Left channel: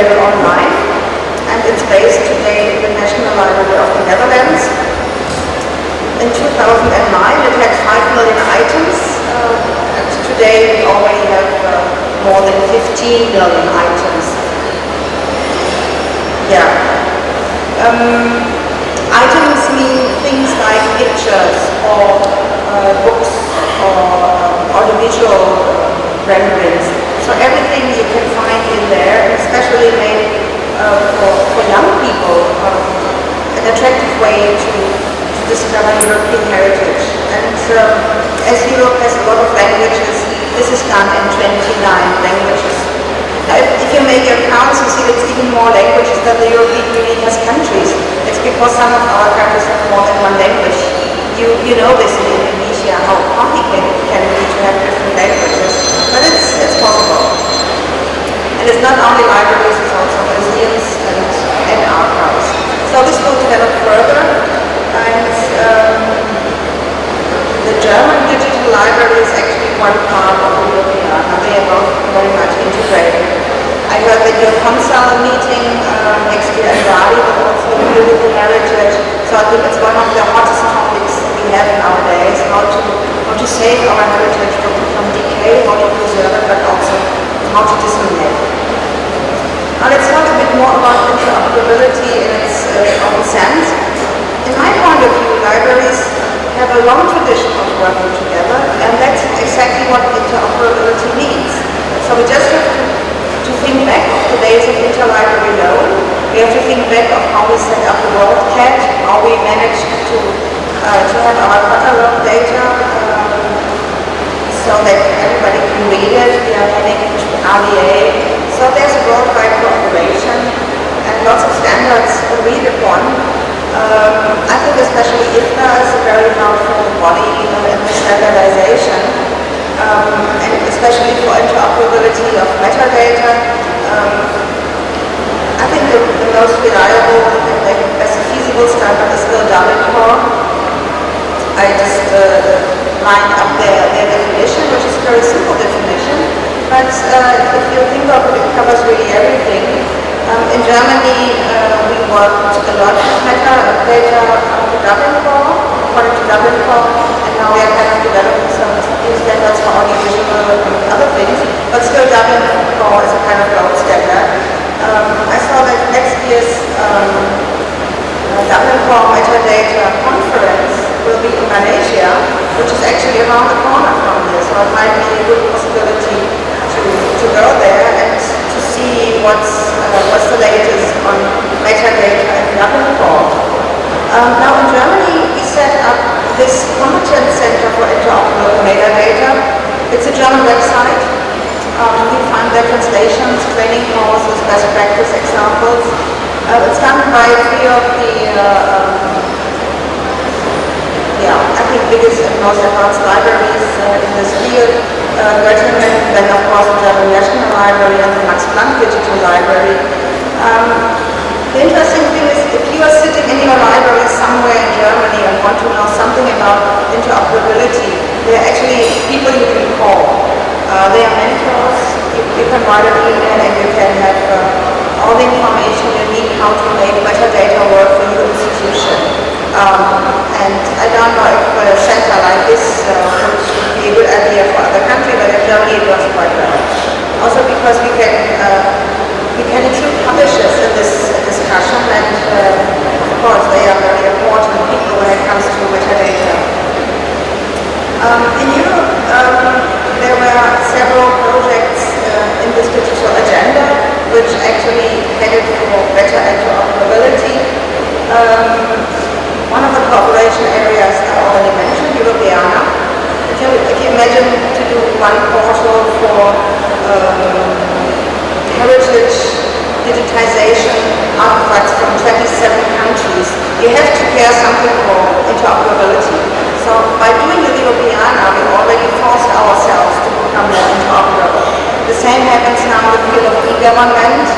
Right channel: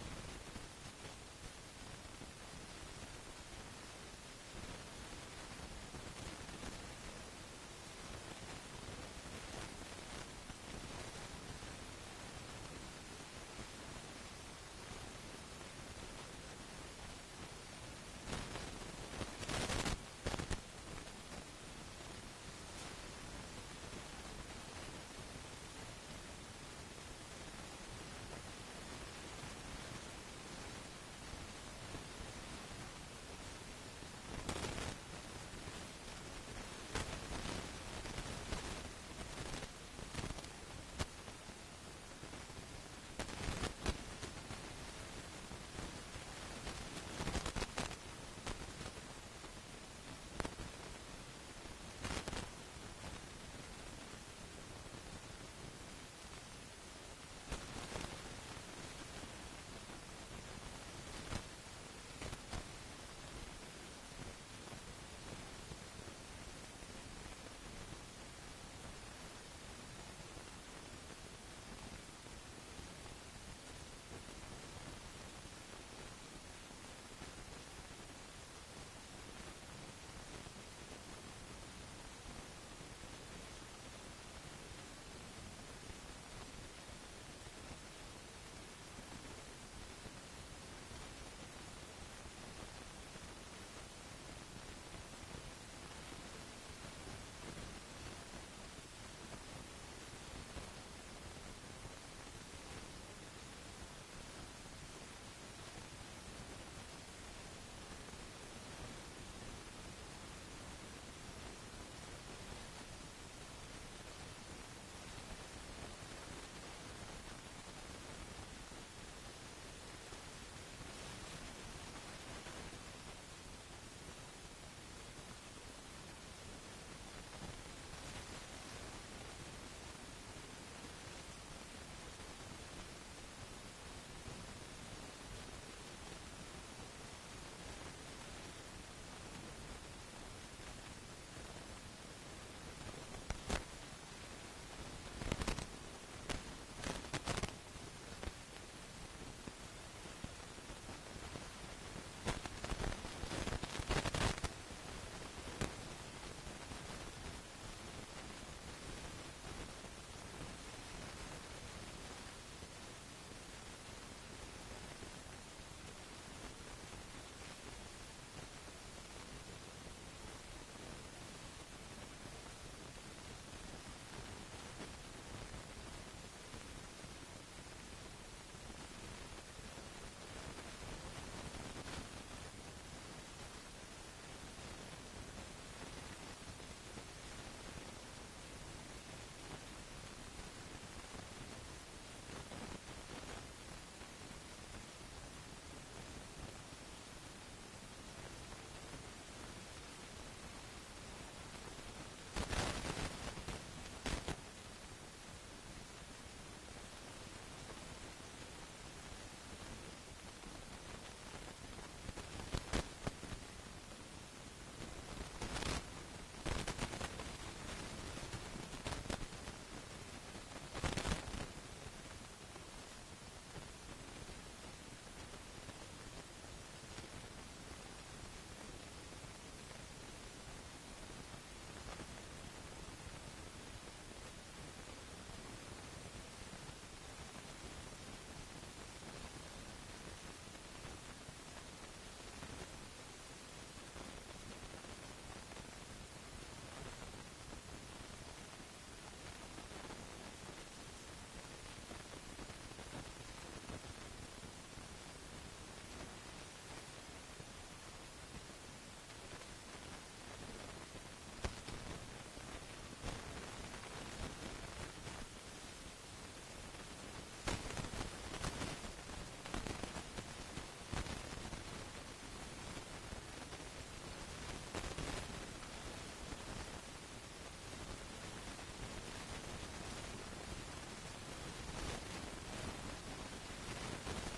available online, and it's based today in the National Library of the Netherlands. In 2009 it had 5 million items, and today we already have more than 15 million items. Yeah. Items mean things like pictures or books or audiovisual renderings. So everything you can find in there, and especially made for young people, an attractive way to discover European heritage. And as Europe has a lot of languages, this is done in 29 languages. Now, if you make your counts, you see it's even more languages than the European Union has countries. It's because some of our countries have more than one language. You know this in Indonesia, how complicated it can be to have different languages. But it's possible. And it's not only libraries, it's also museums and archives. So this will develop further. And the German digital library is actually one part of the European. They are both very much integrated. I heard that your Consul meeting next year in Bali will also deal with the heritage. So I think it's one of the hottest topics we have nowadays, how to save our heritage from decay, how to preserve it, but also how to disseminate it. Now let's talk a bit more about interoperability in its own sense. In my point of view, libraries have a long tradition of working together, and that's exactly what interoperability means. So we just have to think back of the days of interlibrary loan. We have to think back of how we set up the WorldCat, how we managed to have our catalog data so that everybody can read it. We are heading to RDA. So there's a worldwide cooperation and lots of standards agreed upon. I think especially IFTA is a very powerful body in the standardization, and especially for interoperability of metadata. I think the most reliable and the best feasible standard is still Core. I just lined up their definition, which is a very simple definition, but if you think of it, it covers really everything. In Germany, we worked a lot with metadata according to Core, and now we are kind of developing some new standards for audiovisual and other things, but still Core is a kind of gold standard. I saw that next year's Core metadata conference will be in Malaysia, which is actually around the corner from here, so it might be a good possibility to go there and to see what's the latest on metadata and Core. Now in Germany, we set up this Competence Center for Interoperable Metadata. It's a German website. You find their translations, training courses, best practice examples. It's done by 3 of the, I think biggest and most advanced libraries in this field. Göttingen, then of course the German National Library and the Max Planck Digital Library. The interesting thing is, if you are sitting in your library somewhere in Germany and want to know something about interoperability, there are actually people you can call. They are mentors. You can write an email and you can have all the information you need how to make metadata work for your institution. And I don't know if a center like this would be a good idea for other countries, but in Germany it works quite well. Also because we can include publishers in this discussion, and of course they are very important people when it comes to metadata. In Europe, there were several projects in this digital agenda which actually headed for better interoperability. One of the cooperation areas I already mentioned, Europeana. If you imagine to do one portal for heritage digitization artifacts from 27 countries, you have to care something for interoperability. So by doing the Europeana, we already forced ourselves to become more interoperable. The same happens now in the field of e-government.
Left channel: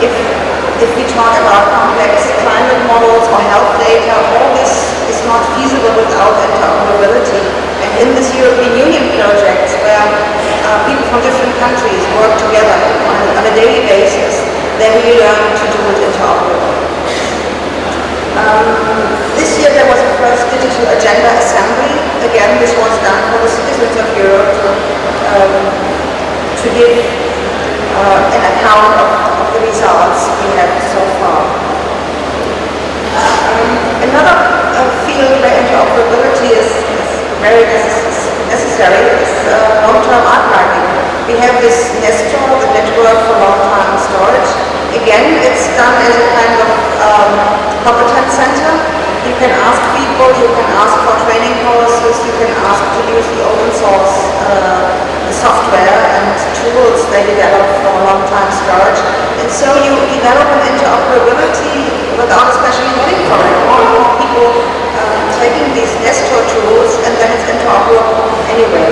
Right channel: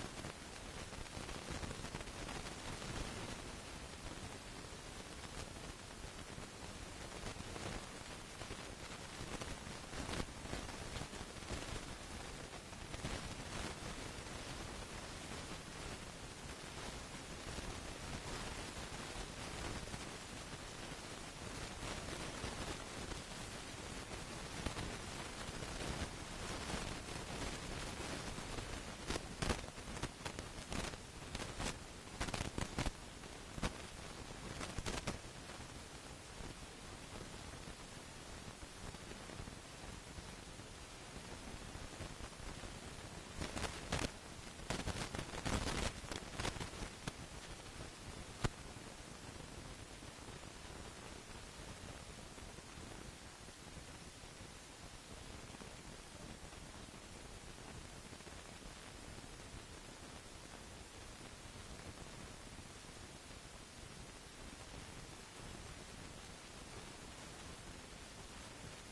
If we talk about complex climate models or health data, all this is not feasible without interoperability. And in this European Union project, where people from different countries work together on a daily basis, you learn to do it interoperable. This year there was a first digital agenda assembly. Again, this was done for the citizens of Europe to give an account of the results we have so far. Another field where interoperability is very necessary is long-term archiving. We have this Nestor, the Network for Long-Term Storage. Again, it's done as a kind of competence center. You can ask people, you can ask for training courses, you can ask to use the open source software and tools they develop for long-time storage. And so you develop an interoperability without especially money for it. More and more people taking these Nestor tools, and then it's interoperable anyway.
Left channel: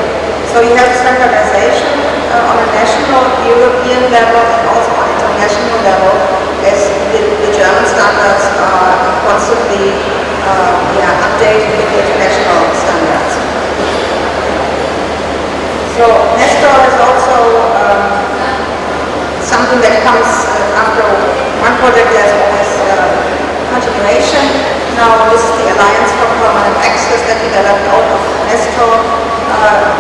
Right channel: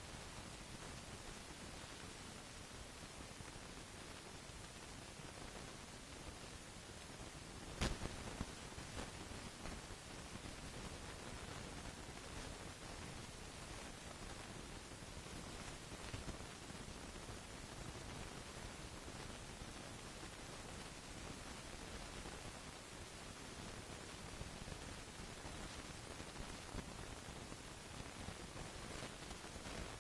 So you have standardization on a national, European level, and also on international level, as the German standards are constantly updated with the international standards. So Nestor is also something that comes after one project. There's always continuation. Now this is the Alliance for Permanent Access that developed out of Nestor.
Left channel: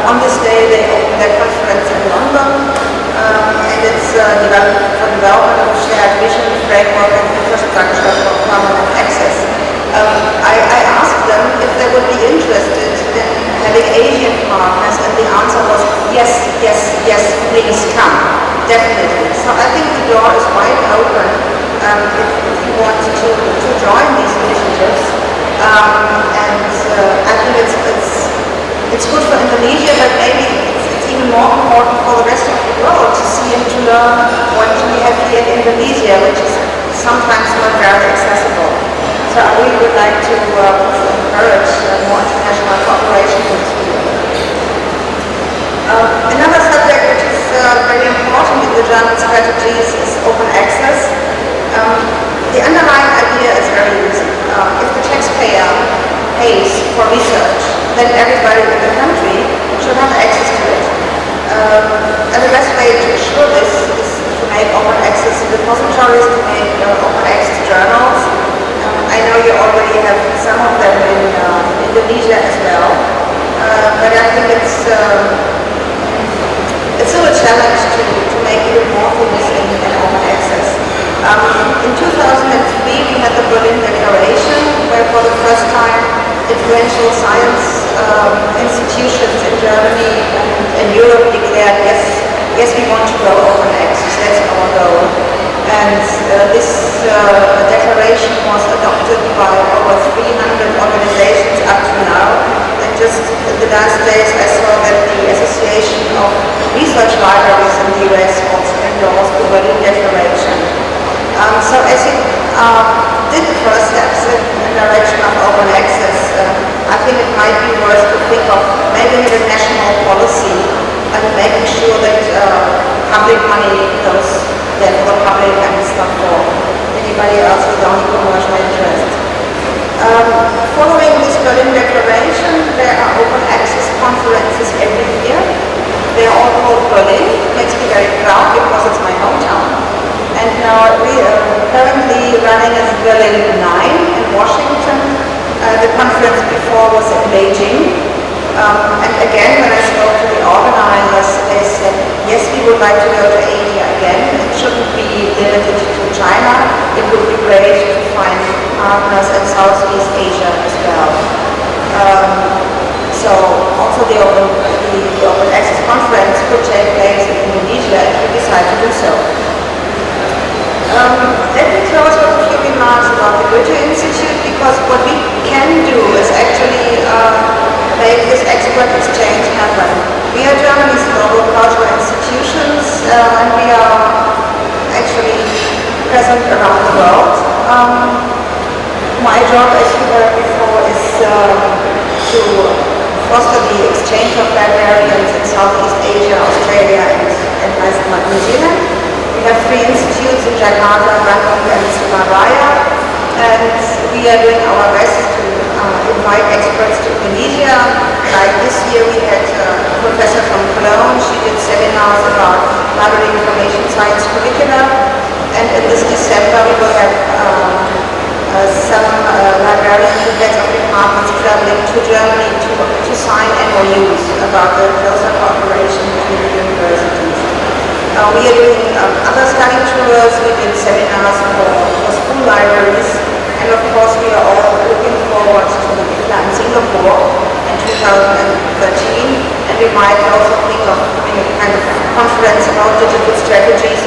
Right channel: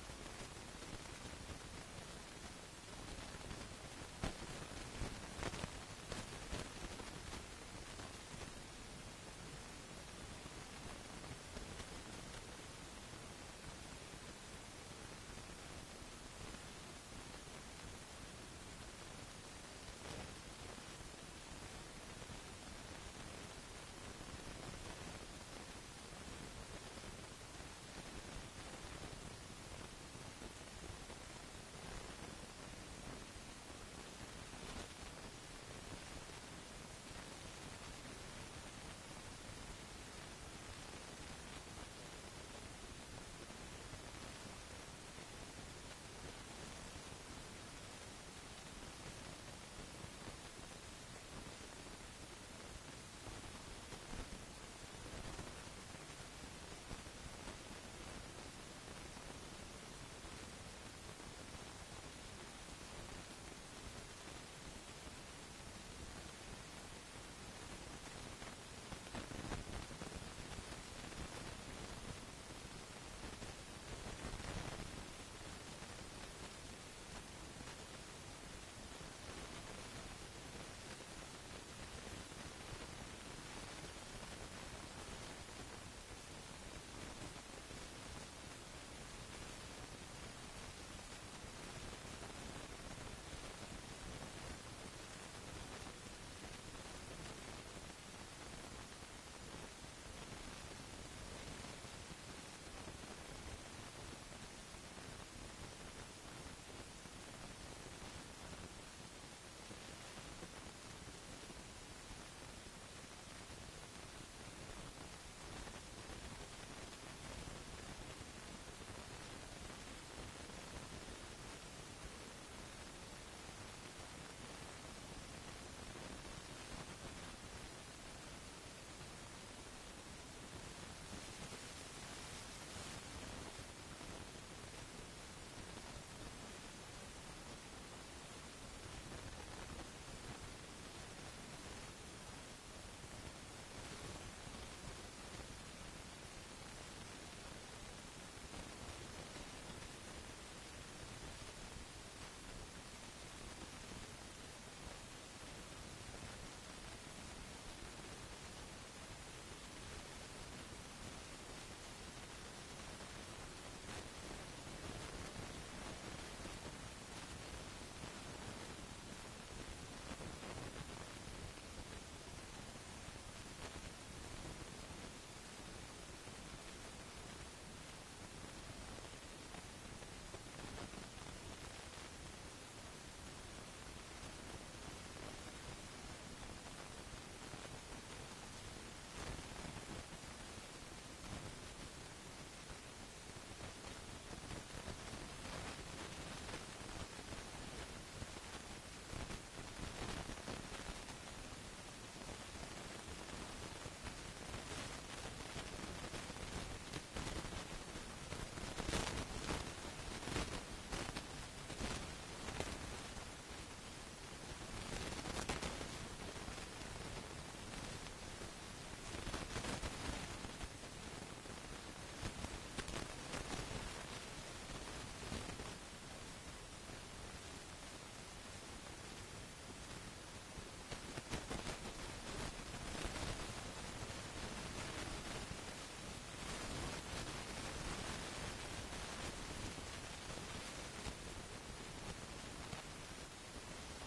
On this day they opened their conference in London, and it's developed for development of a shared vision, framework and infrastructure for permanent access. I asked them if they would be interested in having Asian partners, and the answer was yes, yes, yes, please come, definitely. So I think the door is wide open if you want to join these initiatives, and I think it's good for Indonesia, but maybe it's even more important for the rest of the world to see and to learn what we have here in Indonesia, which is sometimes not very accessible. So I really would like to encourage more international cooperation in this field. Another subject which is very important in the German strategies is open access. The underlying idea is very easy. If the taxpayer pays for research, then everybody in the country should have access to it. And the best way to ensure this is to make open access repositories, to make open access journals. I know you already have some of them in Indonesia as well, but I think it's still a challenge to make even more things in open access. In 2003 we had the Berlin Declaration, where for the first time influential science institutions in Germany and Europe declared, yes, we want to go open access, that's our goal. And this declaration was adopted by over 300 organizations up to now. And just in the last days I saw that the Association of Research Libraries in the US also endorsed the Berlin Declaration. So as you did the first steps in the direction of open access, I think it might be worth to think of maybe a national policy and making sure that public money goes there for the public and it's not for anybody else without commercial interest. Following this Berlin Declaration, there are open access conferences every year. They are all called Berlin. It makes me very proud because it's my hometown. And now we are currently running as Berlin 9 in Washington. The conference before was in Beijing. And again, when I spoke to the organizers, they said, yes, we would like to go to Asia again. It shouldn't be limited to China. It would be great to find partners in Southeast Asia as well. So also the open access conference could take place in Indonesia if we decide to do so. Let me close with a few remarks about the Goethe Institute, because what we can do is actually make this expert exchange happen. We are Germany's global cultural institutions, and we are actually present around the world. My job, as you heard before, is to foster the exchange of librarians in Southeast Asia, Australia, and New Zealand. We have 3 institutes in Jakarta, Bangkok, and Surabaya, and we are doing our best to invite experts to Indonesia. Like this year we had a professor from Cologne. She did seminars about library information science curricula, and in this MOUs about the closer cooperation between the universities. We are doing other study tours, we did seminars for school libraries, and of course we are all looking forward to the IFLA in Singapore in 2013, and we might also think of having a kind of conference about digital strategies